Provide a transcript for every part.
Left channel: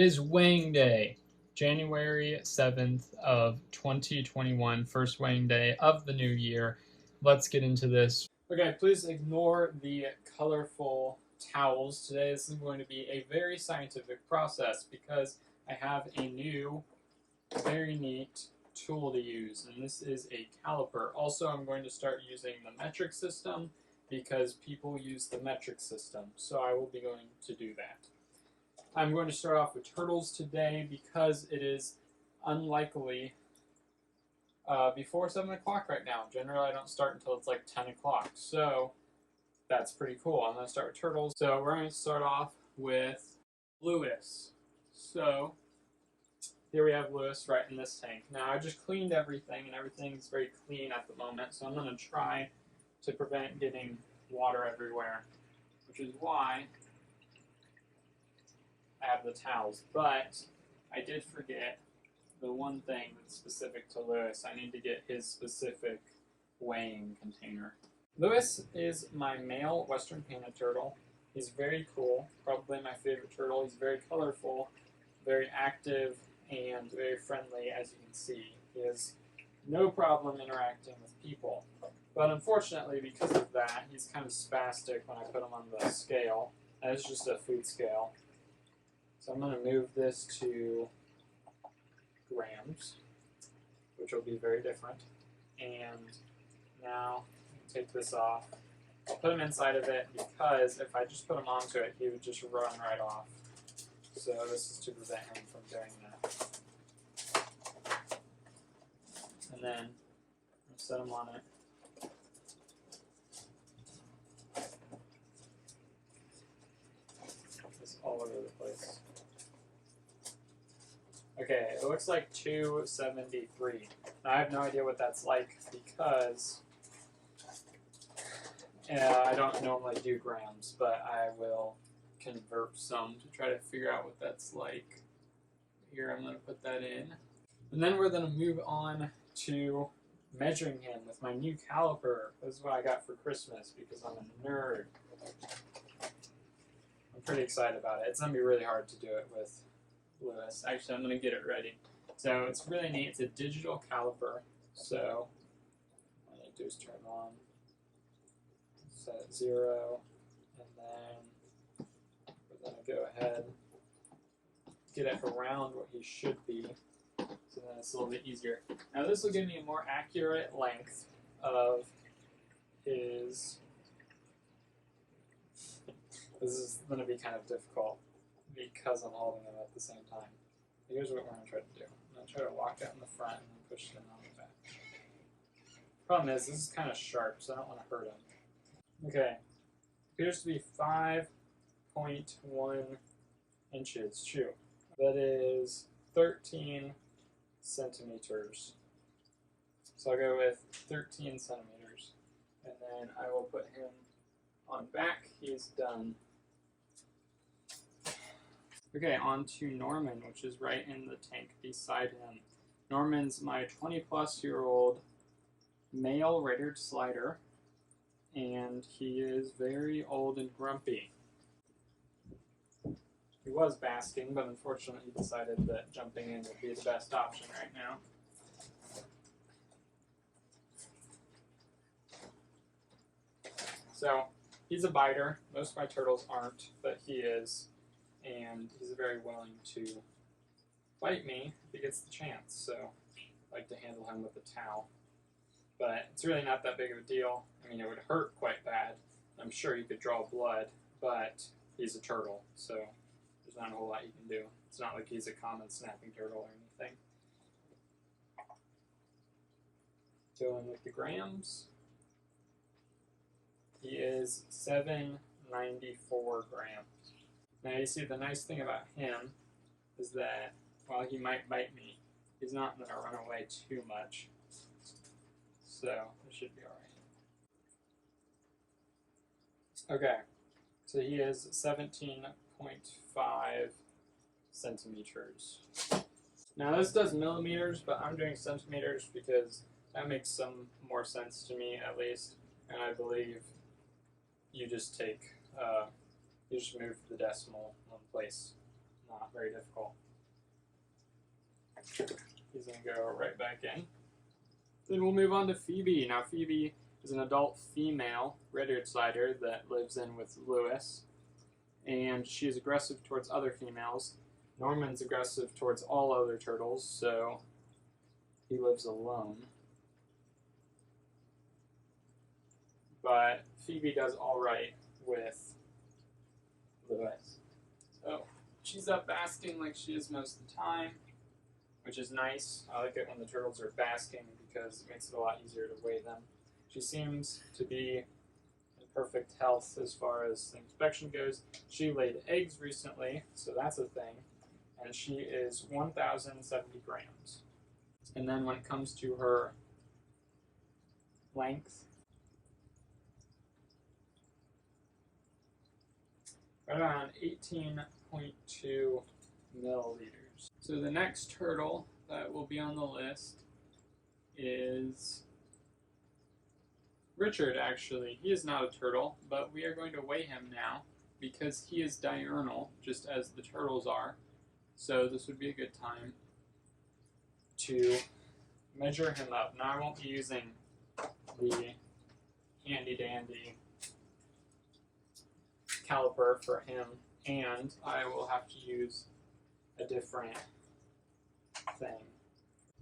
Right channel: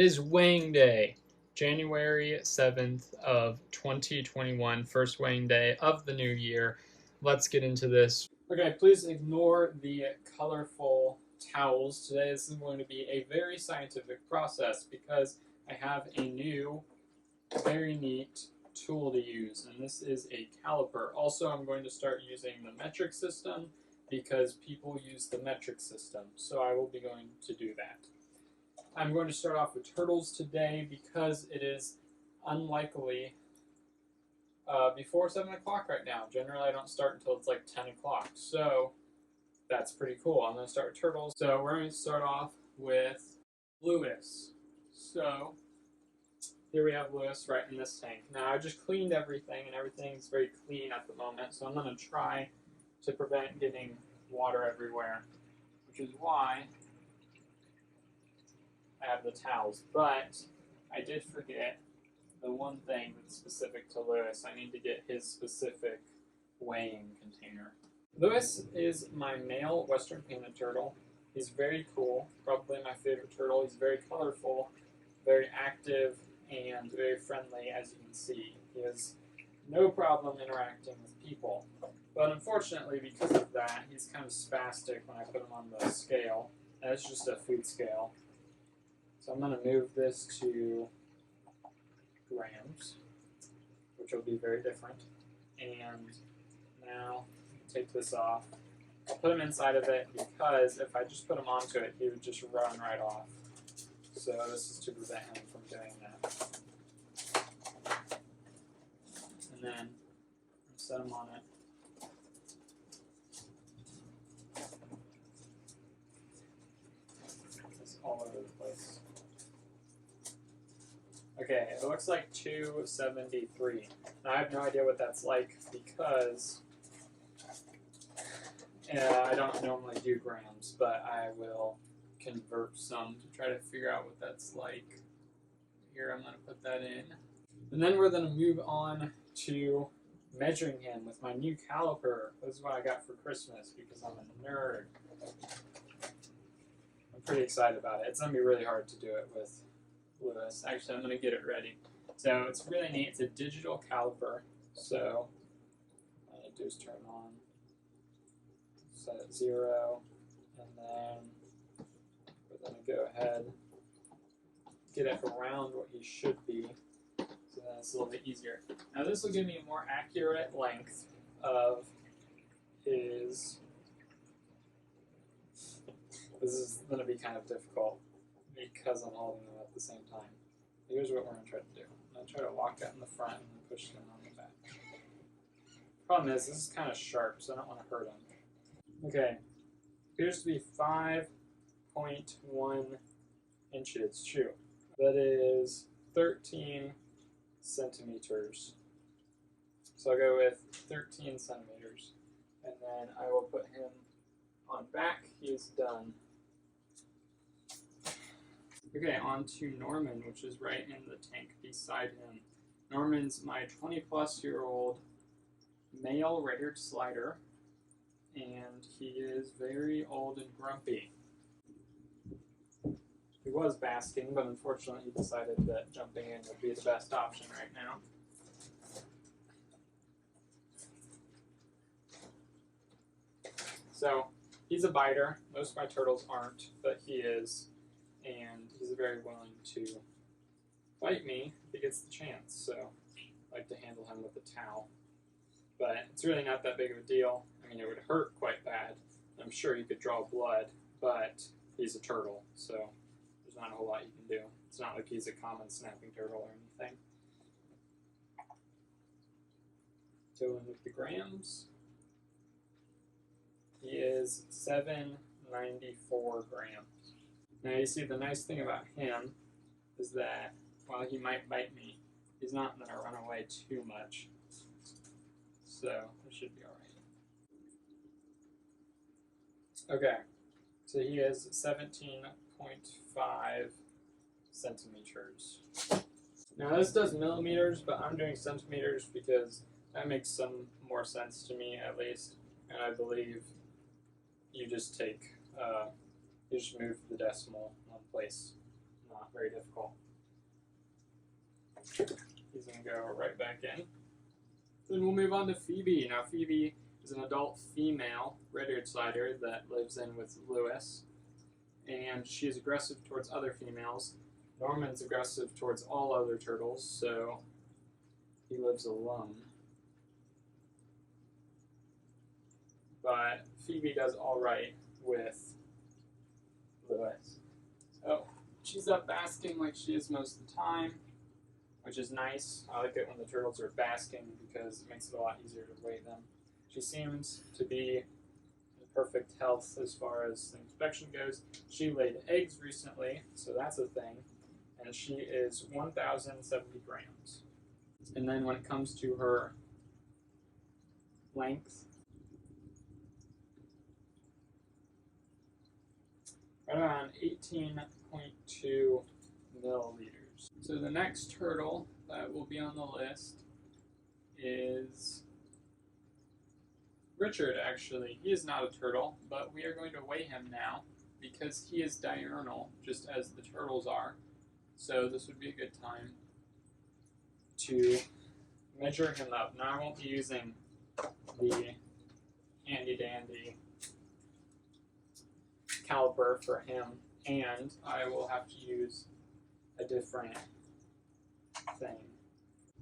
It is weighing day, January 7th of 2021, first weighing day of the new year. Let's get into this. Okay, please ignore the colorful towels. Today this is going to be a very scientific process because I have a new, very neat tool to use, and this is a caliper. Also, I'm going to start using the metric system because people use the metric system, so I will be going to do that. I'm going to start off with turtles today because it is unlikely before 7 o'clock right now. Generally, I don't start until it's like 10 o'clock, so that's pretty cool. I'm going to start with turtles. So we're going to start off with Lewis. So here we have Lewis right in this tank. Now, I just cleaned everything, and everything's very clean at the moment, so I'm going to try to prevent getting water everywhere, which is why I have the towels. But I did forget the one thing that's specific to Lewis. I need to get his specific weighing container. Lewis is my male western painted turtle. He's very cool, probably my favorite turtle. He's very colorful, very active, and very friendly, as you can see. He has no problem interacting with people. But unfortunately, because of that, he's kind of spastic when I put him on the scale. And it's just a food scale. So I'm going to move this to grams, which will be very different. And now take this off. I'll put him inside of it because if I just put him onto it, he would just run right off. So this is to prevent him from doing that. And then I'll set him on it. It's all over the place. Okay, it looks like 273. Now I have no idea what that's like because I don't normally do grams, but I will convert some to try to figure out what that's like. Here, I'm going to put that in. And then we're going to move on to measuring him with my new caliper. This is what I got for Christmas because I'm a nerd. I'm pretty excited about it. It's going to be really hard to do it with Lewis. Actually, I'm going to get it ready. So it's really neat. It's a digital caliper. So all I need to do is turn it on, set it 0, and then we're going to go ahead, get it around what he should be. So then it's a little bit easier. Now this will give me a more accurate length of his. This is going to be kind of difficult because I'm holding him at the same time. Here's what we're going to try to do. I'm going to try to walk out in the front and then push him on the back. Problem is, this is kind of sharp, so I don't want to hurt him. Okay, appears to be 5.1 inches. Shoot. That is 13 centimeters. So I'll go with 13 centimeters. And then I will put him on back. He's done. Okay, on to Norman, which is right in the tank beside him. Norman's my 20-plus-year-old male red-eared slider, and he is very old and grumpy. He was basking, but unfortunately he decided that jumping in would be the best option right now. So, he's a biter. Most of my turtles aren't, but he is. And he's very willing to bite me if he gets the chance. So I like to handle him with a towel. But it's really not that big of a deal. I mean, it would hurt quite bad. I'm sure you could draw blood, but he's a turtle, so there's not a whole lot you can do. It's not like he's a common snapping turtle or anything. Going with the grams. He is 794 grams. Now you see the nice thing about him is that while he might bite me, he's not going to run away too much. So it should be alright. Okay, so he is 17.5 centimeters. Now this does millimeters, but I'm doing centimeters because that makes some more sense to me at least. And I believe you just take, you just move the decimal one place, not not very difficult. He's going to go right back in. Then we'll move on to Phoebe. Now Phoebe is an adult female red-eared slider that lives in with Lewis, and she is aggressive towards other females. Norman's aggressive towards all other turtles, so he lives alone. But Phoebe does alright with Lewis. So she's up basking like she is most of the time, which is nice. I like it when the turtles are basking because it makes it a lot easier to weigh them. She seems to be in perfect health as far as the inspection goes. She laid eggs recently, so that's a thing. And she is 1,070 grams. And then when it comes to her length, right around 18.2 milliliters. So the next turtle that will be on the list is Richard, actually. He is not a turtle, but we are going to weigh him now because he is diurnal, just as the turtles are. So this would be a good time to measure him up. Now I won't be using the handy-dandy caliper for him, and I will have to use a different thing.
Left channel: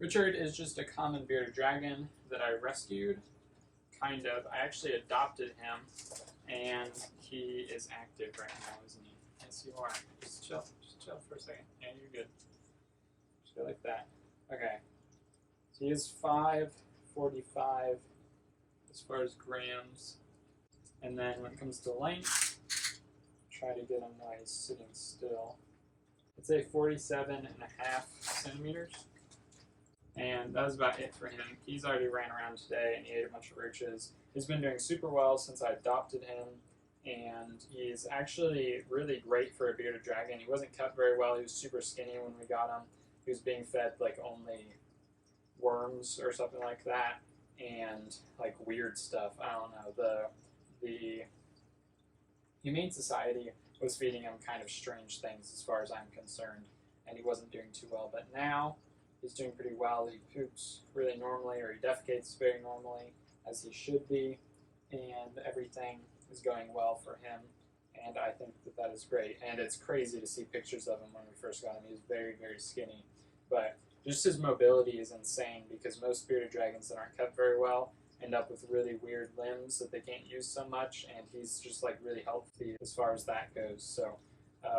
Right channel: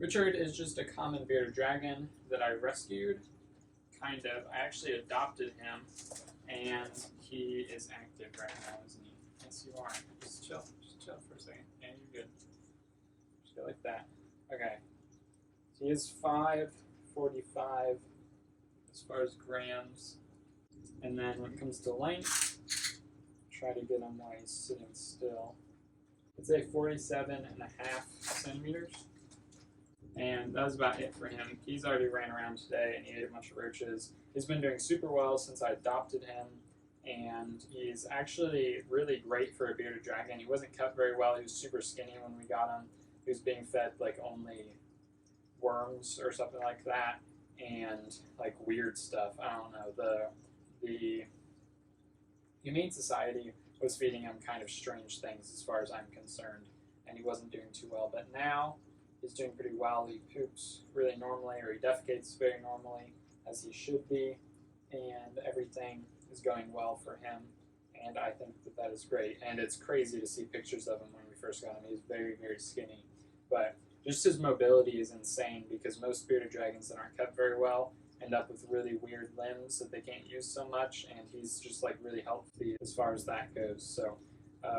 Richard is just a common bearded dragon that I rescued, kind of. I actually adopted him, and he is active right now, isn't he? Yes, you are. Just chill for a second. Yeah, you're good. Just go like that. Okay. So he is 545 as far as grams, and then when it comes to length, try to get him while he's sitting still. I'd say 47.5 centimeters. And that was about it for him. He's already ran around today and he ate a bunch of roaches. He's been doing super well since I adopted him, and he's actually really great for a bearded dragon. He wasn't kept very well. He was super skinny when we got him. He was being fed like only worms or something like that, and like weird stuff. I don't know. The Humane Society was feeding him kind of strange things as far as I'm concerned, and he wasn't doing too well. But now he's doing pretty well. He poops really normally, or he defecates very normally, as he should be, and everything is going well for him, and I think that that is great. And it's crazy to see pictures of him when we first got him. He was very, very skinny, but just his mobility is insane because most bearded dragons that aren't kept very well end up with really weird limbs that they can't use so much, and he's just like really healthy as far as that goes. So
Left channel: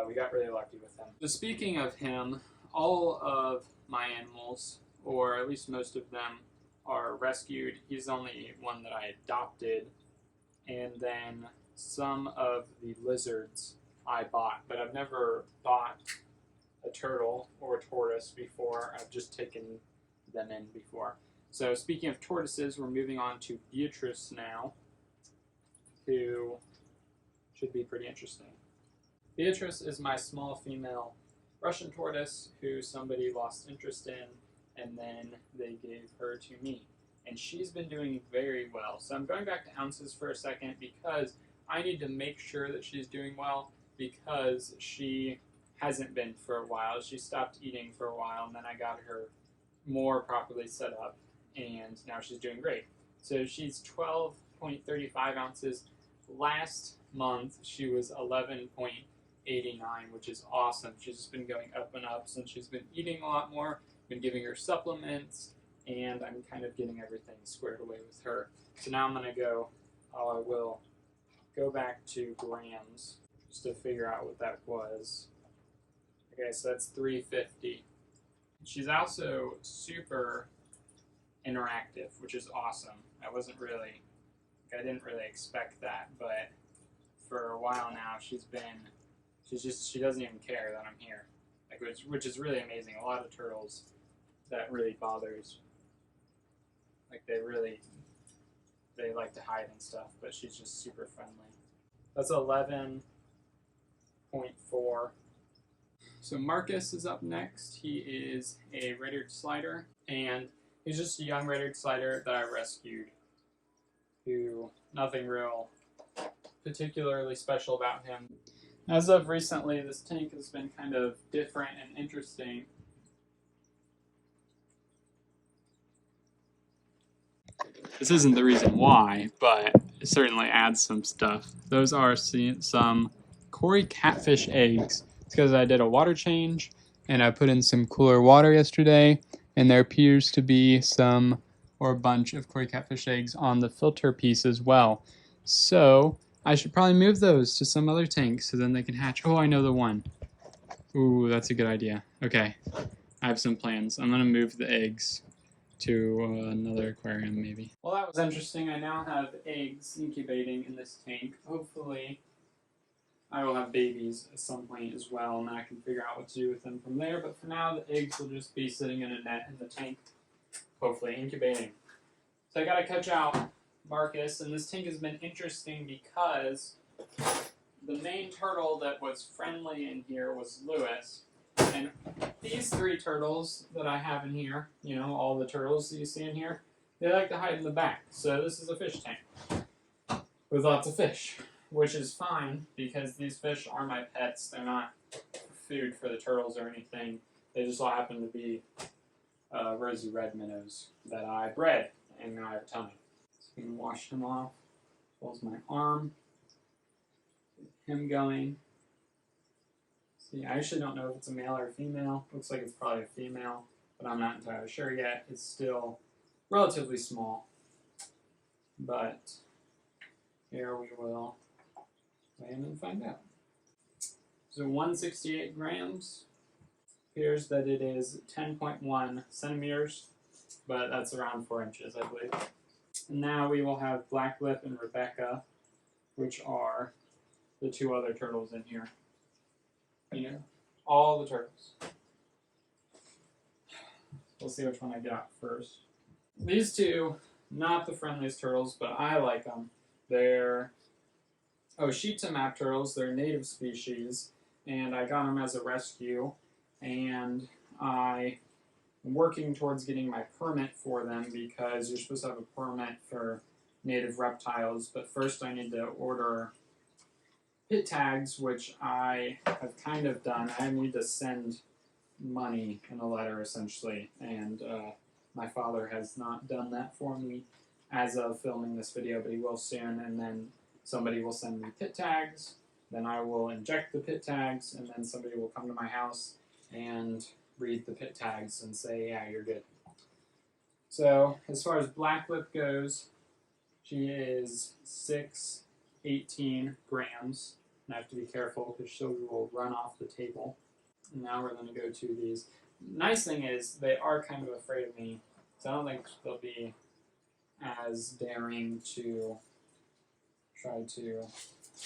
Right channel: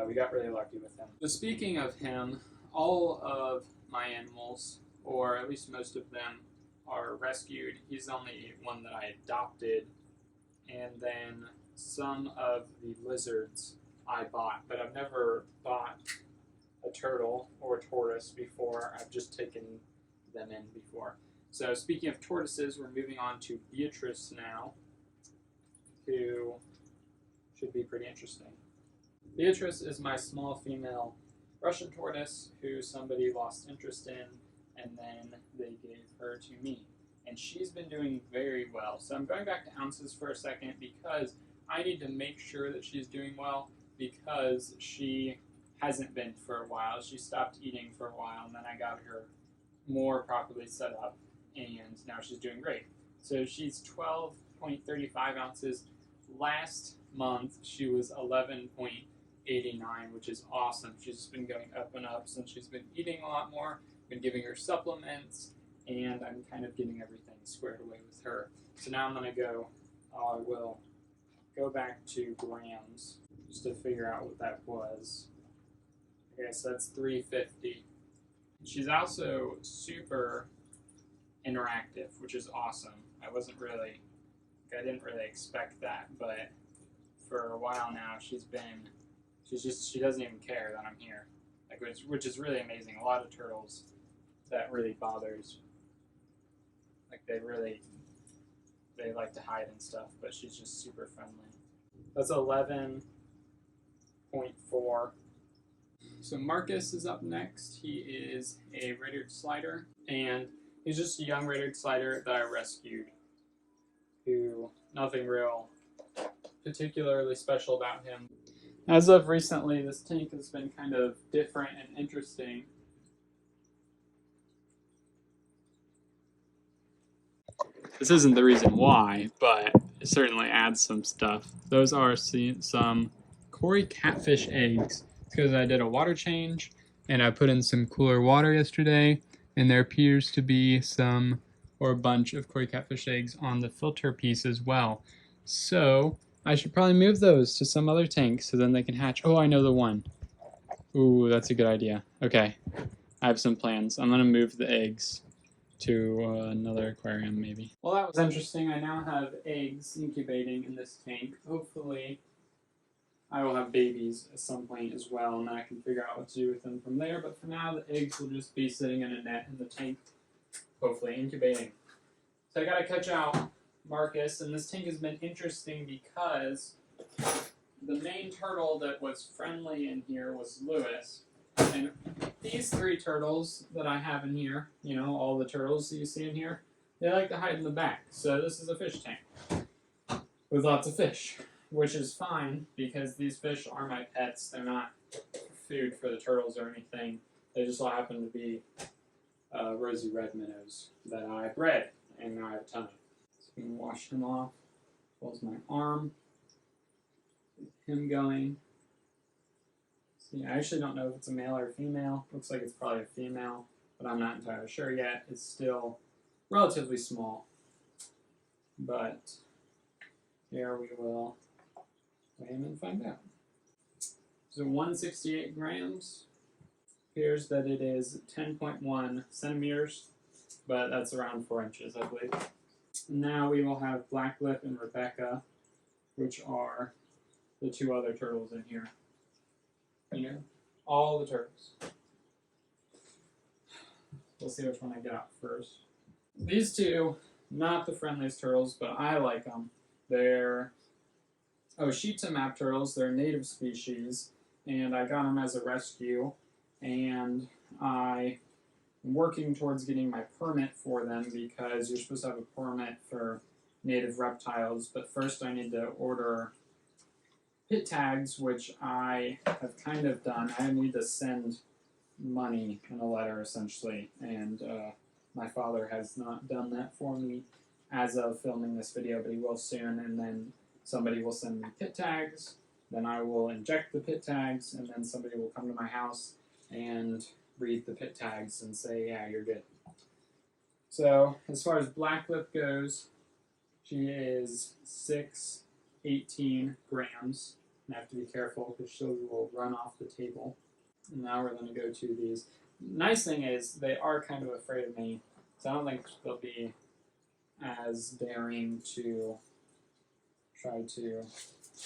we got really lucky with him. So speaking of him, all of my animals, or at least most of them, are rescued. He's the only one that I adopted, and then some of the lizards I bought, but I've never bought a turtle or a tortoise before. I've just taken them in before. So speaking of tortoises, we're moving on to Beatrice now, who should be pretty interesting. Beatrice is my small female Russian tortoise who somebody lost interest in, and then they gave her to me. And she's been doing very well. So I'm going back to ounces for a second because I need to make sure that she's doing well, because she hasn't been for a while. She stopped eating for a while, and then I got her more properly set up, and now she's doing great. So she's 12.35 ounces. Last month, she was 11.89, which is awesome. She's just been going up and up since she's been eating a lot more, been giving her supplements, and I'm kind of getting everything squared away with her. So now I'm going to go, I will go back to grams just to figure out what that was. Okay, so that's 350. She's also super interactive, which is awesome. I didn't really expect that, but for a while now she doesn't even care that I'm here, like which is really amazing. A lot of turtles, that really bothers, like they like to hide and stuff, but she's just super friendly. That's 11.4. So Marcus is up next. He is a red-eared slider, and he's just a young red-eared slider that I rescued, who nothing real particularly special about him. As of recently, this tank has been kind of different and interesting. This isn't the reason why, but it certainly adds some stuff. Those are some Cory Catfish eggs. It's because I did a water change and I put in some cooler water yesterday, and there appears to be some or a bunch of Cory Catfish eggs on the filter piece as well. So I should probably move those to some other tank so then they can hatch. Oh, I know the one. Ooh, that's a good idea. Okay, I have some plans. I'm gonna move the eggs to another aquarium maybe. Well, that was interesting. I now have eggs incubating in this tank. Hopefully I will have babies at some point as well, and I can figure out what to do with them from there. But for now, the eggs will just be sitting in a net in the tank, hopefully incubating. So I gotta catch out Marcus, and this tank has been interesting because the main turtle that was friendly in here was Lewis. And these three turtles that I have in here, you know, all the turtles that you see in here, they like to hide in the back. So this is a fish tank with lots of fish, which is fine because these fish are my pets. They're not food for the turtles or anything. They just all happen to be rosy red minnows that I bred, and now I have a ton. So I'm going to wash them off. Pulls my arm. Him going. See, I actually don't know if it's a male or a female. Looks like it's probably a female, but I'm not entirely sure yet. It's still relatively small. But here we will weigh him and find out. So 168 grams. Appears that it is 10.1 centimeters, but that's around 4 inches, I believe. And now we will have Blacklip and Rebecca, which are the two other turtles in here. You know, all the turtles. We'll see which one I get out first. These two, not the friendliest turtles, but I like them. They're Oshita map turtles. They're a native species, and I got them as a rescue, and I'm working towards getting my permit for them because you're supposed to have a permit for native reptiles, but first I need to order pit tags, which I have kind of done. I need to send money in a letter, essentially, and my father has not done that for me as of filming this video, but he will soon, and then somebody will send me pit tags, then I will inject the pit tags, and then somebody will come to my house and read the pit tags and say, yeah, you're good. So, as far as Blacklip goes, she is 618 grams. And I have to be careful because she will run off the table. And now we're going to go to these. Nice thing is, they are kind of afraid of me, so I don't think they'll be as daring to try to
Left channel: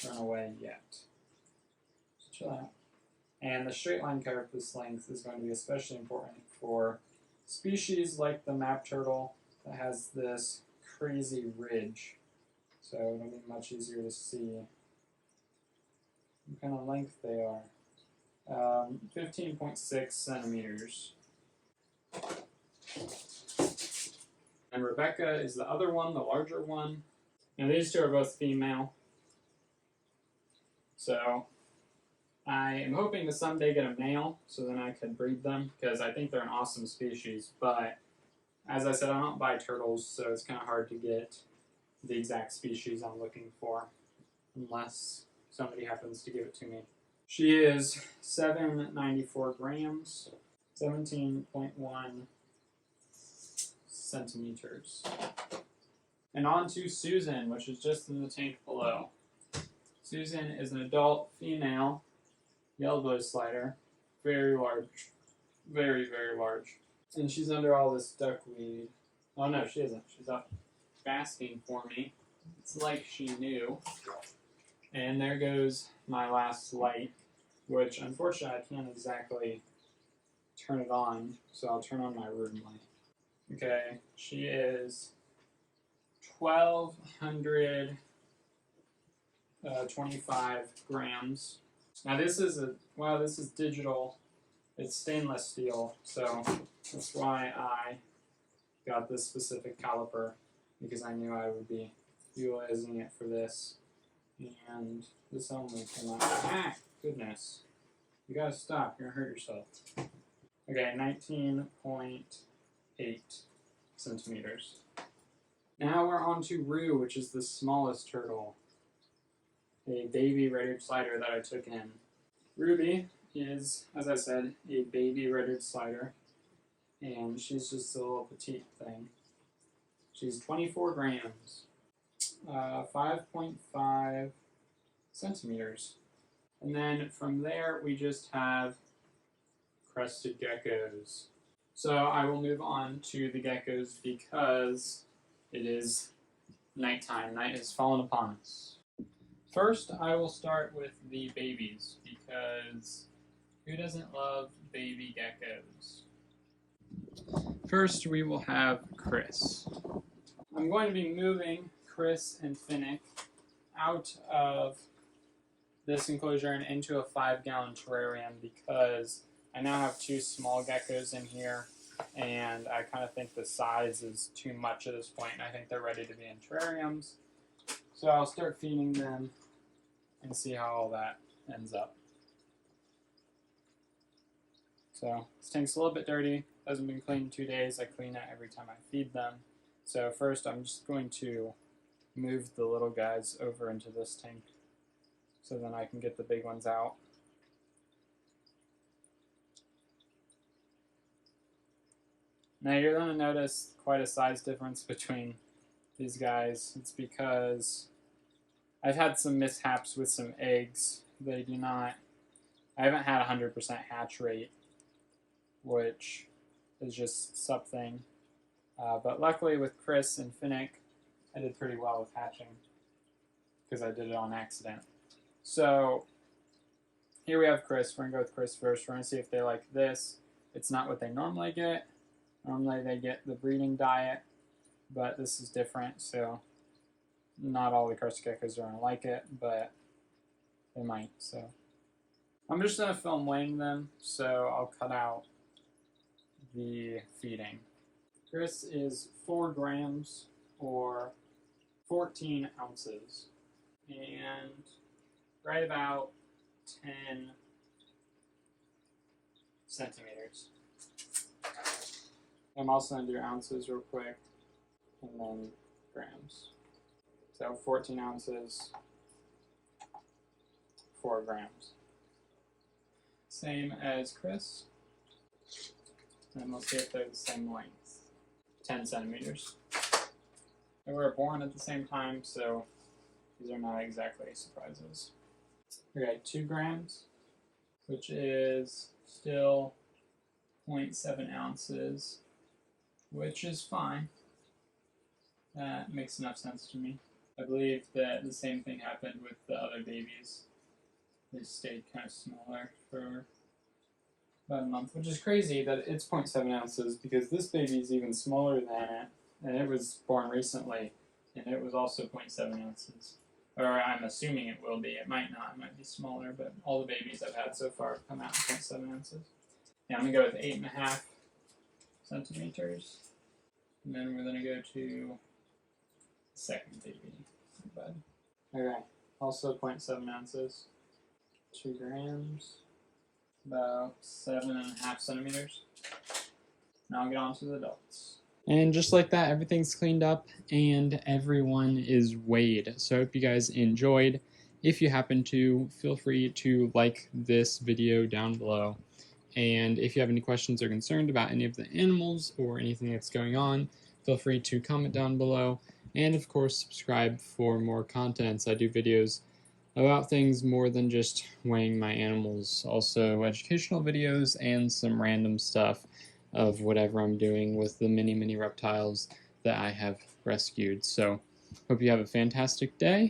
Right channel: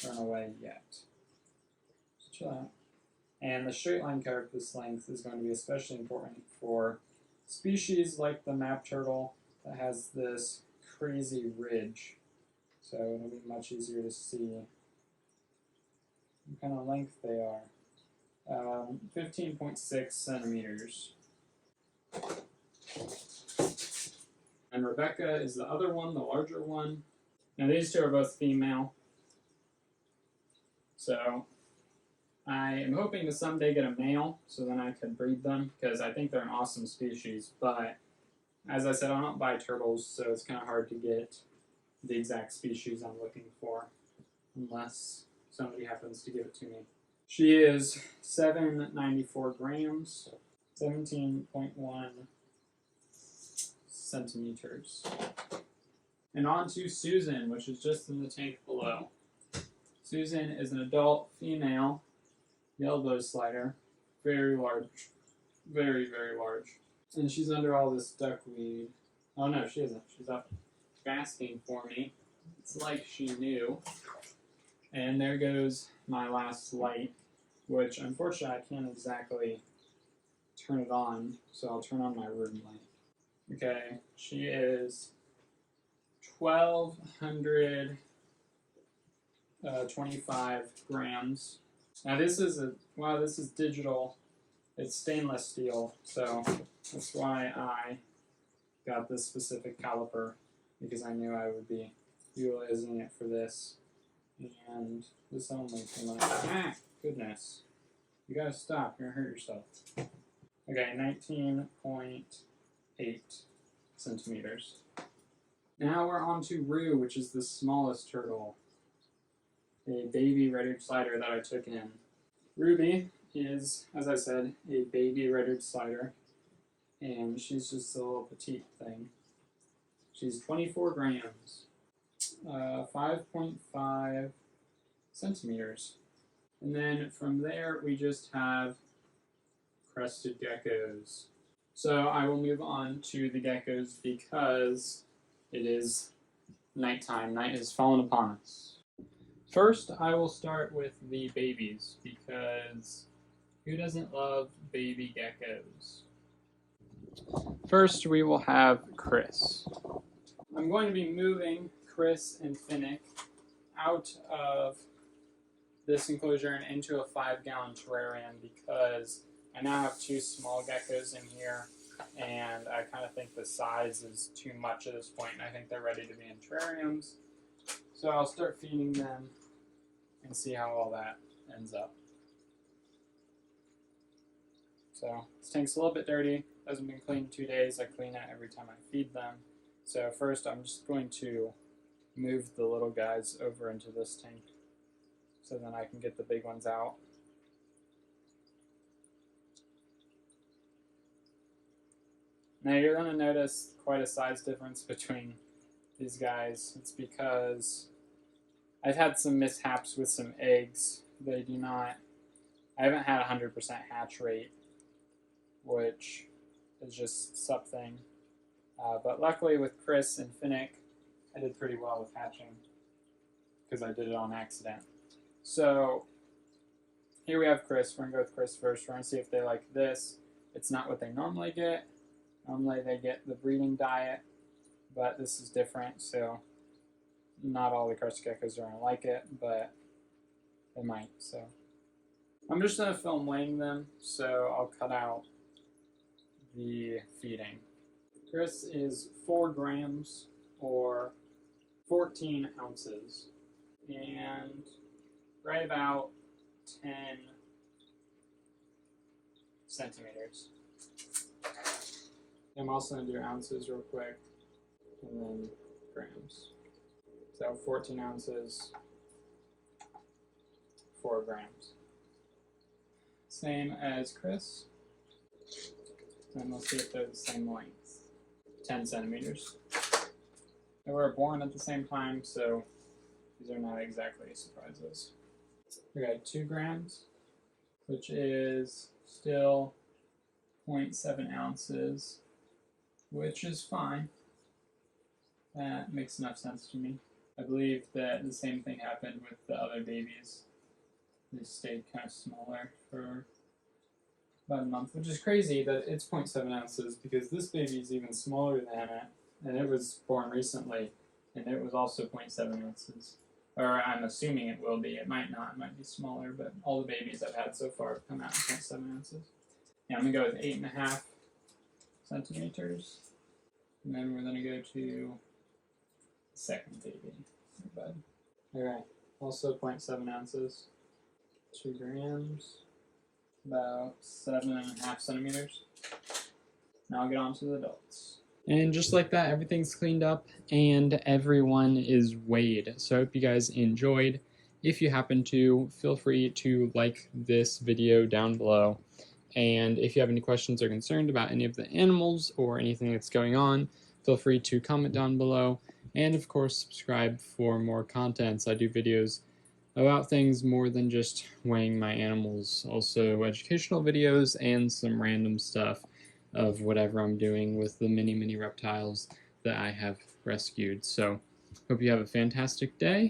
run away yet. So chill out. And the straight line carapace length is going to be especially important for species like the map turtle that has this crazy ridge. So it'll be much easier to see what kind of length they are. 15.6 centimeters. And Rebecca is the other one, the larger one. Now these two are both female. So I am hoping to someday get a male so then I can breed them because I think they're an awesome species. But as I said, I don't buy turtles, so it's kind of hard to get the exact species I'm looking for unless somebody happens to give it to me. She is 794 grams, 17.1 centimeters. And on to Susan, which is just in the tank below. Susan is an adult female yellow slider, very large, very, very large. And she's under all this duckweed. Oh no, she isn't. She's up basking for me. It's like she knew. And there goes my last light, which unfortunately I can't exactly turn it on, so I'll turn on my room light. Okay, she is 1,225 grams. Now this is this is digital. It's stainless steel, so that's why I got this specific caliper, because I knew I would be utilizing it for this. And this only came out. Goodness. You gotta stop, you're gonna hurt yourself. Okay, 19.8 centimeters. Now we're on to Rue, which is the smallest turtle. A baby red-eared slider that I took in. Ruby is, as I said, a baby red-eared slider, and she's just a little petite thing. She's 24 grams, 5.5 centimeters. And then from there, we just have Crested Geckos. So I will move on to the geckos because it is nighttime. Night has fallen upon us. First, I will start with the babies because who doesn't love baby geckos? First, we will have Chris. I'm going to be moving Chris and Finnick out of this enclosure and into a 5-gallon terrarium because I now have 2 small geckos in here, and I kind of think the size is too much at this point, and I think they're ready to be in terrariums. So I'll start feeding them and see how all that ends up. So this tank's a little bit dirty, hasn't been cleaned in 2 days. I clean it every time I feed them. So first I'm just going to move the little guys over into this tank so then I can get the big ones out. Now you're going to notice quite a size difference between these guys. It's because I've had some mishaps with some eggs. I haven't had 100% hatch rate, which is just something. But luckily with Chris and Finnick, I did pretty well with hatching because I did it on accident. So here we have Chris. We're going to go with Chris first. We're going to see if they like this. It's not what they normally get. Normally they get the breeding diet, but this is different, so not all the Crested Geckos are going to like it, but they might. So I'm just going to film weighing them, so I'll cut out the feeding. Chris is 4 grams or 14 ounces, and right about 10 centimeters. I'm also going to do ounces real quick, and then grams. So 14 ounces, 4 grams. Same as Chris. And we'll see if they're the same length. 10 centimeters. They were born at the same time, so these are not exactly surprises. Okay, 2 grams, which is still 0.7 ounces, which is fine. That makes enough sense to me. I believe that the same thing happened with the other babies. They stayed kind of smaller for about a month, which is crazy that it's 0.7 ounces because this baby is even smaller than it, and it was born recently, and it was also 0.7 ounces. Or I'm assuming it will be. It might not. It might be smaller, but all the babies I've had so far have come out in 0.7 ounces. Yeah, I'm going to go with 8.5 centimeters. And then we're going to go to the second baby. Okay, also 0.7 ounces. 2 grams. About 7.5 centimeters. Now I'll get on to the adults. And just like that, everything's cleaned up and everyone is weighed. So I hope you guys enjoyed. If you happen to, feel free to like this video down below. And if you have any questions or concerned about any of the animals or anything that's going on, feel free to comment down below. And of course, subscribe for more contents. I do videos about things more than just weighing my animals. Also educational videos and some random stuff of whatever I'm doing with the many reptiles that I have rescued. So hope you have a fantastic day.